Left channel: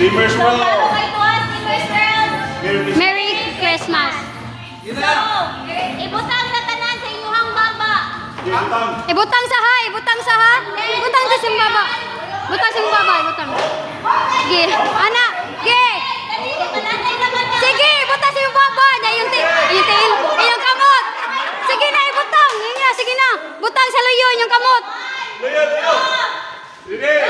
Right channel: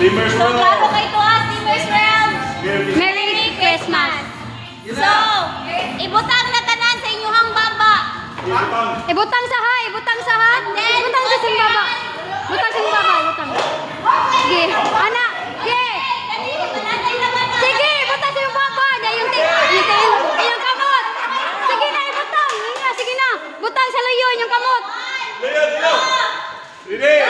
Dreamers So, World. para kayo to us, Dreamers World. Merry Christmas. So, ibutang na tanan sa inyong baba. Ibutang sa ha, ibutang sa ha. Ibutang sa sing baba. Ibutang sing baba, ibutang. Sige, ana, sige. Sige, ibutang sa yung baba. Na yung tail, yung kamot. Sige na, ibutang. Sige na. Butang sa leyon yung kamot. Leo! Ready?